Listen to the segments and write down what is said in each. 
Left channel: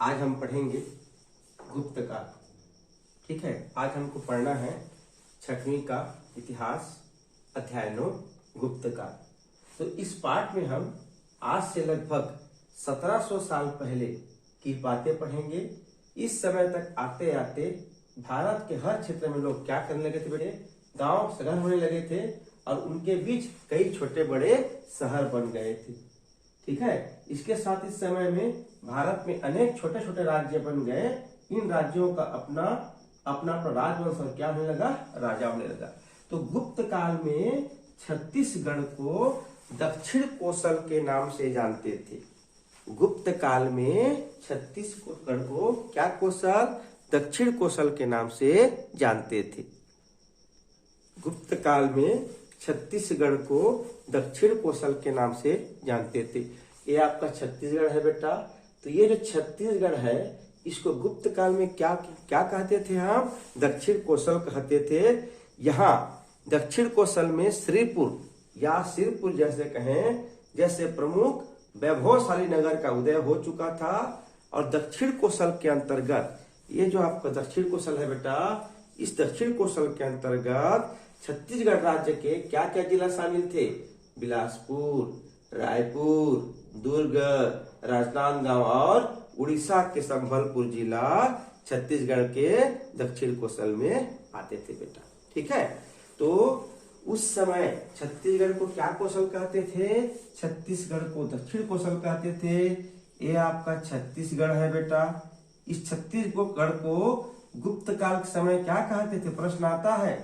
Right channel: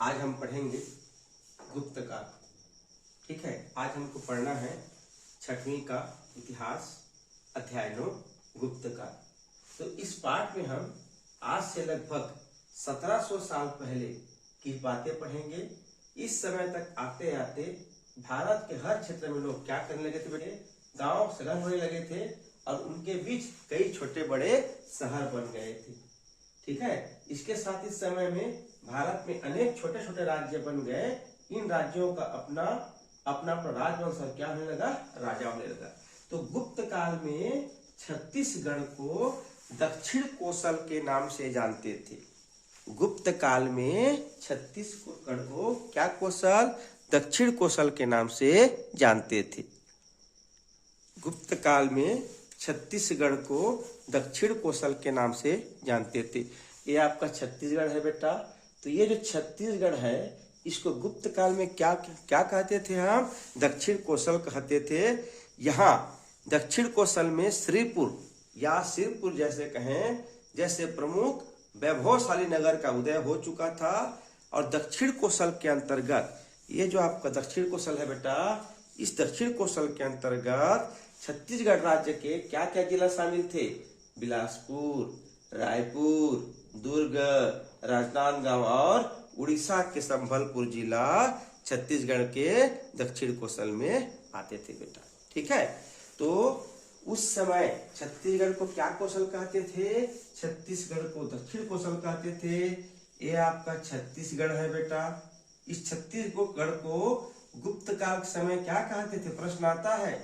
आज हम पढ़ेंगे गुप्त काल। ठीक है, आज हमको पढ़ना है 6वीं का इतिहास अध्याय 9 गुप्त काल। तो इस पाठ में हम आज से लगभग 1700 साल पहले की बातें पढ़ेंगे। इस समय तक आते आते भारत के हर क्षेत्र में लोग क्या करने लगे थे बेटे, गांव शहर होने लगे थे और उनके बीच कई छोटे बड़े शहर बन गए थे। ठीक है, इसके साथ इस समय में भारत में अनेक छोटे छोटे राज्य बन गए। इन राज्यों का अपना अपना राजवंश क्या होने लगा, राजा होने लगा। तो गुप्त काल में छत्तीसगढ़ को दक्षिण कोसल के नाम से जानते थे। गुप्त काल में छत्तीसगढ़ को क्या कोसल, दक्षिण कोसल के नाम से जानते थे। गुप्त काल में छत्तीसगढ़ को दक्षिण कोसल के नाम से जानते थे। ये आपका छत्तीसगढ़ है बेटा। तो ये जो छत्तीसगढ़ है इसको गुप्त काल में क्या क्या कहते थे, हम दक्षिण कोसल कहते थे। यहाँ दक्षिण कोसल में श्रीपुर या सिरपुर जैसे कहें, जैसे प्रमुख वैभवशाली नगर का उदय हो चुका था। और दक्षिण कोसल के अंतर्गत ये जो आपका दक्षिण कोसल है बेटा, इस दक्षिण कोसल के अंतर्गत छत्तीसगढ़ राज्य के क्या क्या जिला शामिल थे, बिलासपुर, रायपुर, दुर्ग, राजनांदगांव और उड़ीसा के संबलपुर जिला छत्तीसगढ़ के दक्षिण कोसल में आते थे बेटा। ठीक है, तो उस समय छत्तीसगढ़ को क्या कोसल कहते थे, छत्तीसगढ़ को दक्षिण कोसल कहते थे। ये आपका छत्तीसगढ़ है बेटा। इस छत्तीसगढ़ को गुप्त काल के समय क्या कहते थे, प्रश्न आता है।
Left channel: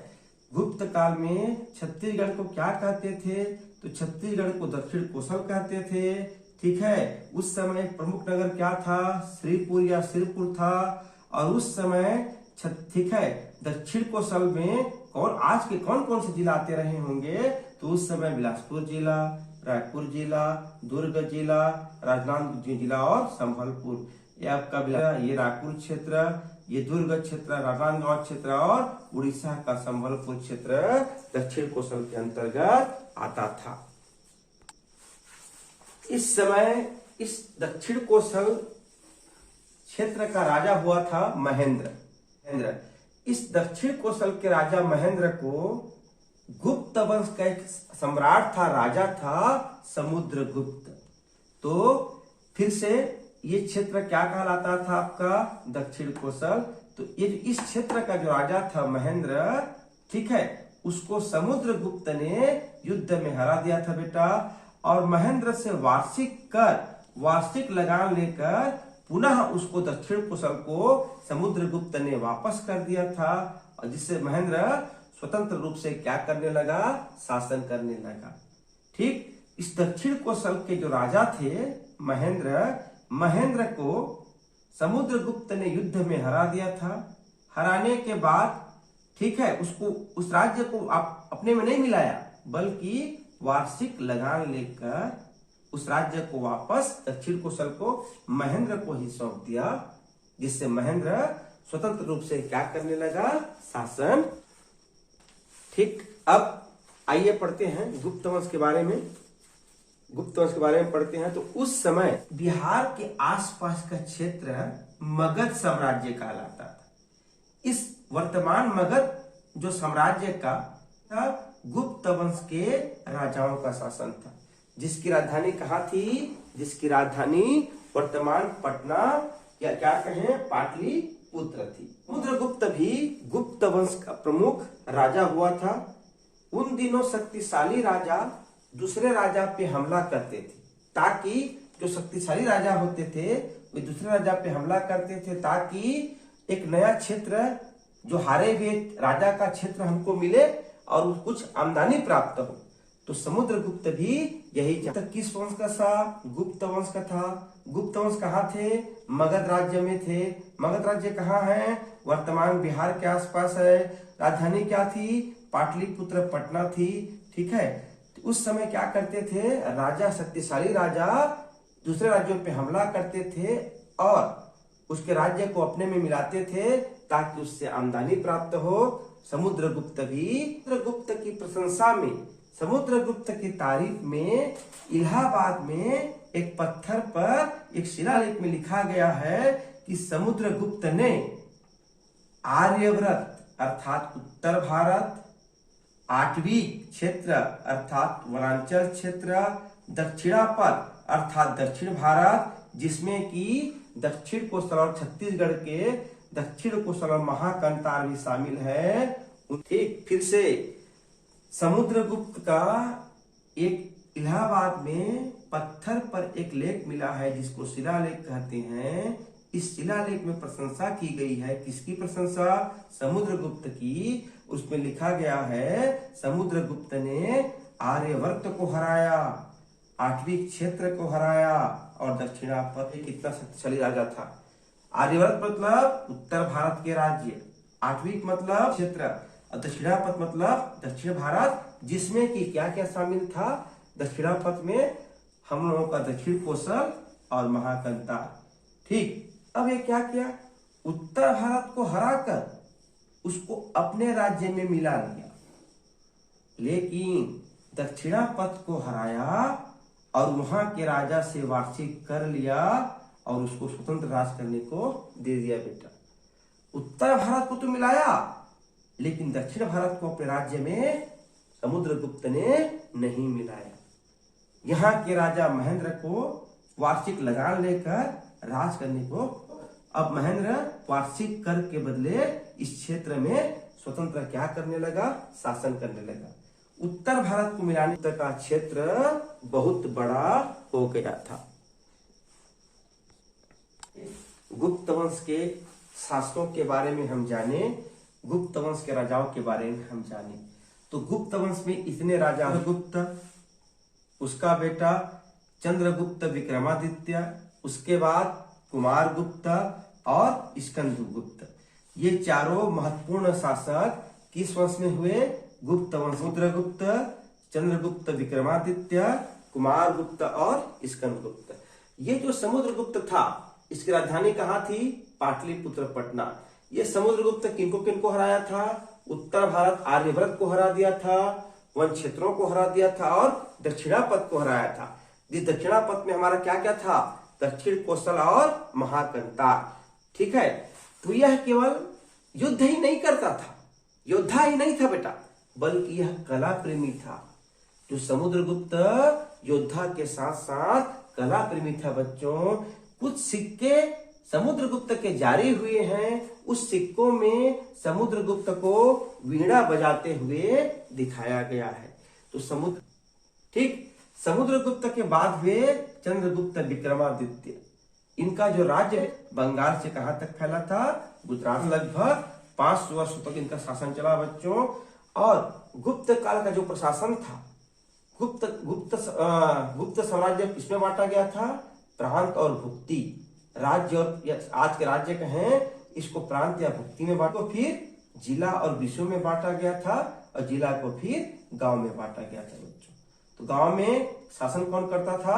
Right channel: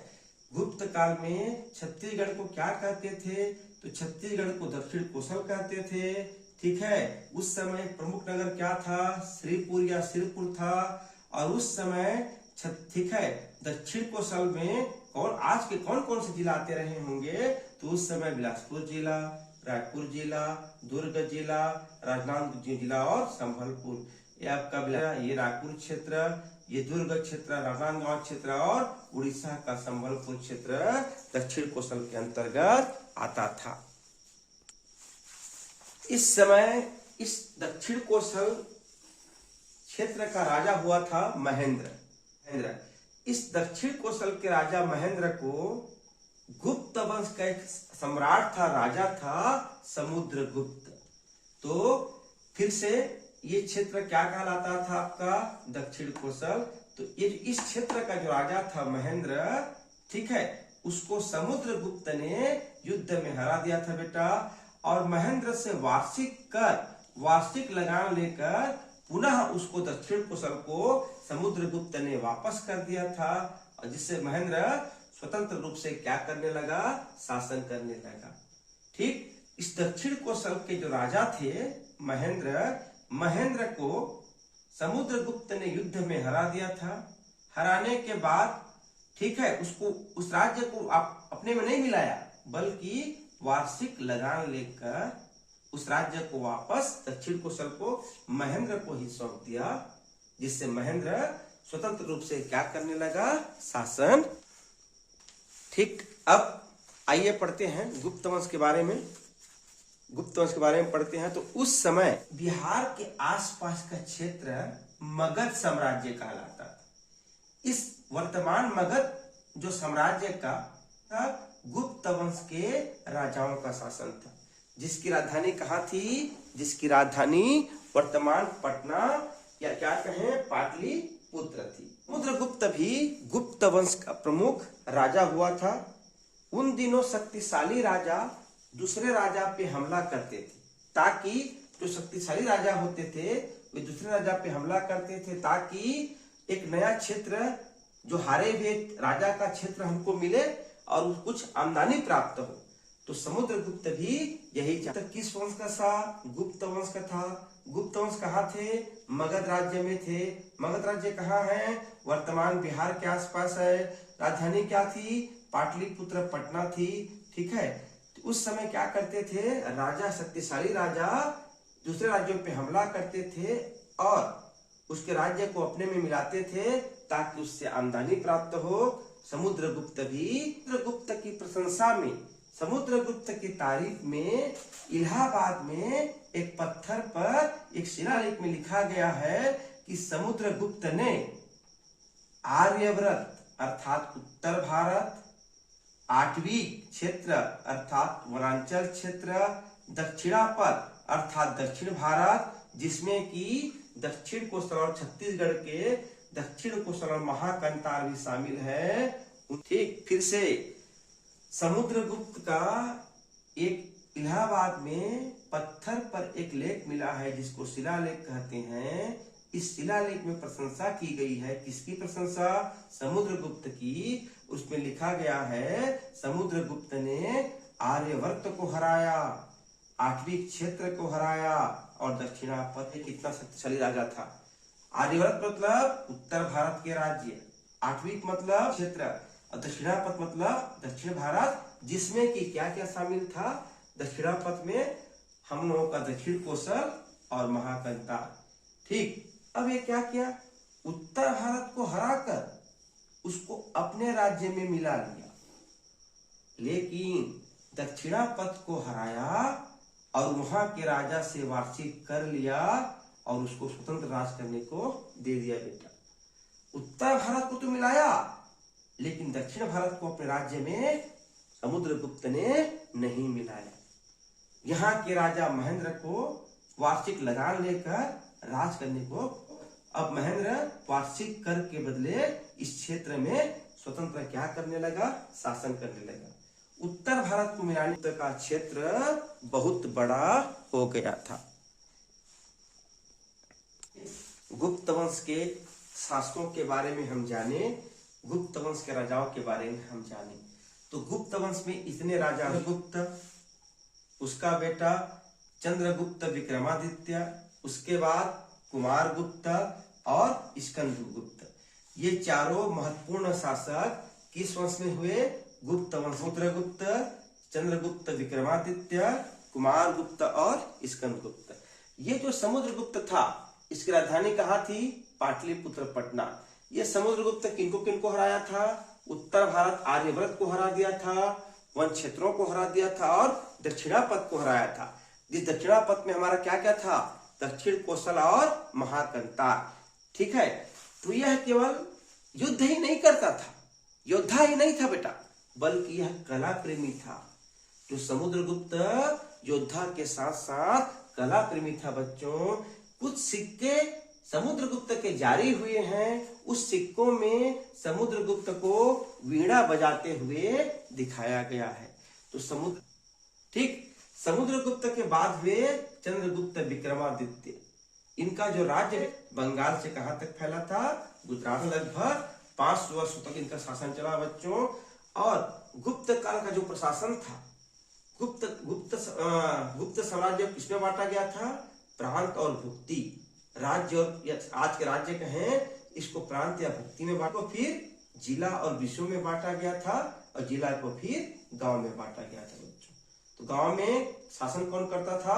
गुप्त काल में छत्तीसगढ़ को क्या कहते थे, तो छत्तीसगढ़ को दक्षिण कोसल कहते थे। ठीक है, उस समय प्रमुख नगर क्या था, श्रीपुर या सिरपुर था। और उस समय ठीक है, दक्षिण कोसल में आज के कौन कौन से जिला आते रहे होंगे, तो उस समय बिलासपुर जिला, रायपुर जिला, दुर्ग जिला, राजनांदगांव जिला और संबलपुर। ये आपका ये रायपुर क्षेत्र, ये दुर्ग क्षेत्र, राजनांदगांव क्षेत्र और उड़ीसा का संबलपुर क्षेत्र दक्षिण कोसल के अंतर्गत आता था। इस समय इस दक्षिण कोसल क्षेत्र का राजा हुआ था महेंद्र। इस दक्षिण कोसल के राजा महेंद्र को गुप्त वंश का एक सम्राट था, राजा था समुद्रगुप्त। तो फिर से ये क्षेत्र क्या कहलाता था आपका, दक्षिण कोसल। तो ये इस क्षेत्र का जो राजा था महेंद्र, ठीक है, उसको समुद्रगुप्त ने युद्ध में हरा दिया था बेटा। और महेंद्र से वार्षिक लगान लेकर पुनः उसको दक्षिण कोसल को समुद्रगुप्त ने वापस कर दिया था। और जिससे महेंद्र स्वतंत्र रूप से क्या करने लगा, शासन करने लगा। ठीक, इस दक्षिण कोसल के जो राजा थे महेंद्र को समुद्रगुप्त ने युद्ध में हरा दिया था। हराने के बाद ठीक है, उसको उस राज्य को आप अपने में नहीं मिलाया, बल्कि वार्षिक लगान लेकर उस राज्य को वापस दक्षिण कोसल को महेंद्र को ही सौंप दिया। जिससे महेंद्र स्वतंत्र रूप से क्या करने लगा, शासन। ठीक, अब आइए पढ़ते हैं गुप्त वंश के बारे में। गुप्त वंश के बारे में पढ़ते हैं। तो उस समय बिहार के आसपास का क्षेत्र मगध साम्राज्य कहलाता था। इस वर्तमान मगध जो साम्राज्य का गुप्त वंश के राजाओं का शासन था, जिसकी राजधानी कहाँ थी, जिसकी राजधानी वर्तमान पटना या क्या कहें पाटलिपुत्र थी। समुद्रगुप्त भी गुप्त वंश का प्रमुख राजा हुआ था। उन दिनों शक्तिशाली राजा दूसरे राजा पे हमला करते थे, ताकि जो शक्तिशाली राजा होते थे वे दूसरे राजा पे हमला करते थे, ताकि एक नया क्षेत्र जो हारे हुए राजा का क्षेत्र हमको मिले और कुछ आमदनी प्राप्त हो। तो समुद्रगुप्त भी यही चाहता। किस वंश का था, गुप्त वंश का था। गुप्त वंश कहाँ थे, मगध राज्य में थे। मगध राज्य कहाँ है, वर्तमान बिहार के आसपास है। राजधानी क्या थी, पाटलिपुत्र पटना थी। ठीक है, तो उस समय क्या करते थे, राजा शक्तिशाली राजा दूसरे राज्यों पे हमला करते थे और उसके राज्य को अपने में मिलाते थे, ताकि उससे आमदनी प्राप्त हो। समुद्रगुप्त भी गुप्त की प्रशंसा में समुद्रगुप्त की तारीफ में इलाहाबाद में एक पत्थर पर एक शिलालेख में लिखा गया है कि समुद्रगुप्त ने आर्यव्रत अर्थात उत्तर भारत, आटवीक क्षेत्र अर्थात वनांचल क्षेत्र, दक्षिणापथ अर्थात दक्षिण भारत जिसमें कि दक्षिण कोस्टल और छत्तीसगढ़ के दक्षिण कोस्टल और महाकंतार भी शामिल है। ठीक, फिर से समुद्रगुप्त का एक इलाहाबाद में पत्थर पर एक लेख मिला है जिसको शिलालेख कहते हैं। इस शिलालेख में प्रशंसा की गई है। किसकी प्रशंसा? समुद्रगुप्त की। उसमें लिखा गया है समुद्रगुप्त ने आर्यवर्त को हराया, आटवीक क्षेत्र को हराया और दक्षिणापथ कितना शक्तिशाली राजा था। आर्यवर्त मतलब उत्तर भारत के राज्य, आटवीक मतलब क्षेत्र, दक्षिणापथ मतलब दक्षिण भारत जिसमें कि क्या क्या शामिल था। दक्षिणापथ में हम लोगों का दक्षिण कोसल और महाकंतार। ठीक, अब ये क्या किया? उत्तर भारत को हराकर उसको अपने राज्य में मिला लिया, लेकिन दक्षिणापथ को हराया और वहां के राजा से वार्षिक कर लिया और उसको स्वतंत्र राज करने को दे दिया। बेटा, उत्तर भारत को तो मिलाया लेकिन दक्षिण भारत को अपने राज्य में समुद्रगुप्त ने नहीं मिलाया। यहाँ के राजा महेंद्र को वार्षिक लगान लेकर राज करने को, अब महेंद्र वार्षिक कर के बदले इस क्षेत्र में स्वतंत्र क्या करने लगा? शासन करने लगा। उत्तर भारत को मिलाने का क्षेत्र बहुत बड़ा हो गया था। गुप्त वंश के शासकों के बारे में हम जाने, गुप्त वंश के राजाओं के बारे में हम जाने तो गुप्त वंश में इतने राजा, गुप्त, उसका बेटा चंद्रगुप्त विक्रमादित्य, उसके बाद कुमार गुप्त और स्कंदगुप्त, ये चारों महत्वपूर्ण शासक किस वंश में हुए? गुप्त वंश। समुद्रगुप्त, चंद्रगुप्त विक्रमादित्य, कुमार गुप्त और स्कंदगुप्त। ये जो समुद्रगुप्त था इसकी राजधानी कहाँ थी? पाटलिपुत्र, पटना। ये समुद्रगुप्त किनको किनको हराया था? उत्तर भारत आर्यव्रत को हरा दिया था, वन क्षेत्रों को हरा दिया था और दक्षिणापथ को हराया था। जिस दक्षिणापथ में हमारा क्या क्या था? दक्षिण कोसल और महाकंतार। ठीक है, तो यह केवल युद्ध ही नहीं करता था, योद्धा ही नहीं था बेटा, बल्कि यह कला प्रेमी था। जो समुद्रगुप्त योद्धा के साथ साथ कला प्रेमी था बच्चों। कुछ सिक्के समुद्रगुप्त के जारी हुए हैं, उस सिक्कों में समुद्रगुप्त को वीणा बजाते हुए दिखाया गया है। तो समुद्रगुप्त के बाद हुए चंद्रगुप्त विक्रमादित्य। इनका जो राज्य है बंगाल से कहां तक फैला था? गुजरात। लगभग 500 वर्षों तक इनका शासन चला बच्चों। और गुप्त काल का जो प्रशासन था, गुप्त साम्राज्य किसमें बांटा गया था? प्रांत और भुक्ति। राज्य और आज के राज्य कहें इसको प्रांत या भुक्ति में बांटा, फिर जिला और विषयों में बांटा गया था और जिला को फिर गांव में बांटा गया था बच्चों। तो गांव में शासन कौन करता था?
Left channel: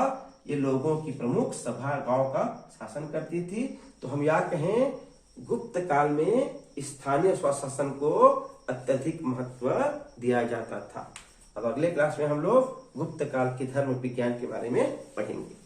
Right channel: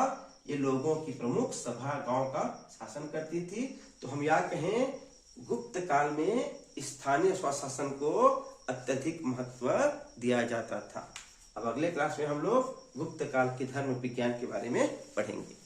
ये लोगों की प्रमुख सभा गांव का शासन करती थी। तो हम या कहें गुप्त काल में स्थानीय स्वशासन को अत्यधिक महत्व दिया जाता था। अब अगले क्लास में हम लोग गुप्त काल के धर्म विज्ञान के बारे में पढ़ेंगे।